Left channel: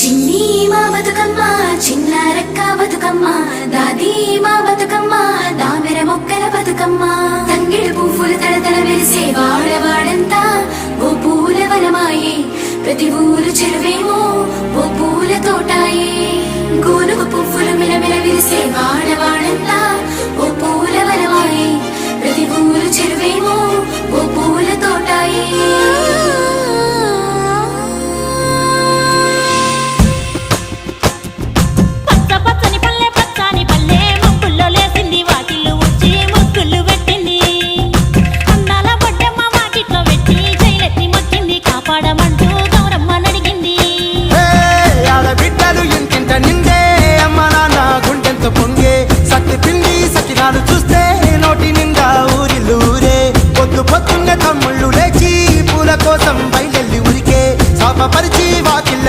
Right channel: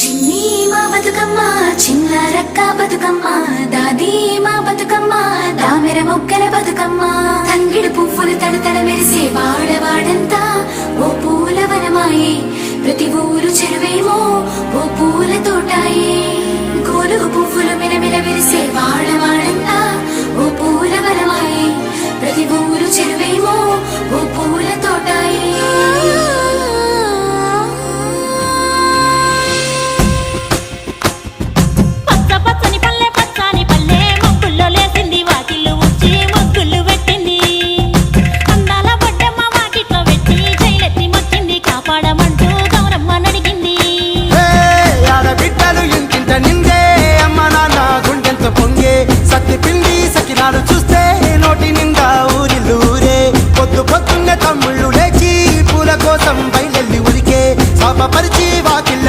చిన్ని మా బతుకమ్మ చిన్న రక్క బతుకమ్మ దాది మా బతుకమ్మ దామెర మొక్కల బతుకమ్మ తంగిడు పువ్వులు తడతడ వెలిసే వాడవాడంతా ఓ పూల వనమాయే ప్రతి ఊరు చెరువేమో ఓ పూల తోటాయే గోలుగు పువ్వులు మెలమెల విరిసే వాడవాడంతా ఓ పూల వనమాయే ప్రతి ఊరు చెరువేమో ఓ పూల తోటాయే పచ్చని పల్లె పచ్చని పల్లె మబ్బుల్లో లేసింది వాకిళ్ళు ఊడ్చి ముగ్గులు పెట్టింది అందాల బొడ్డమ్మ వాకిట్లో పెట్టి జైలెత్తి మొక్కింది కాపాడమంటూ గౌరమ్మ నడిగింది ఆడబిడ్డలు ఇంటింట నిందే అమ్మ నాన్న గుండెంత పొంగే సత్తి పిండి సకినాలు చూస్తే నోటి నిండా ఊరిల్లూరే పొద్దున్నే తమ్ముళ్ళు లేచి పూల కోసం బయలెల్లి ఉరికే శాపపరిచి వాకిళ్ళ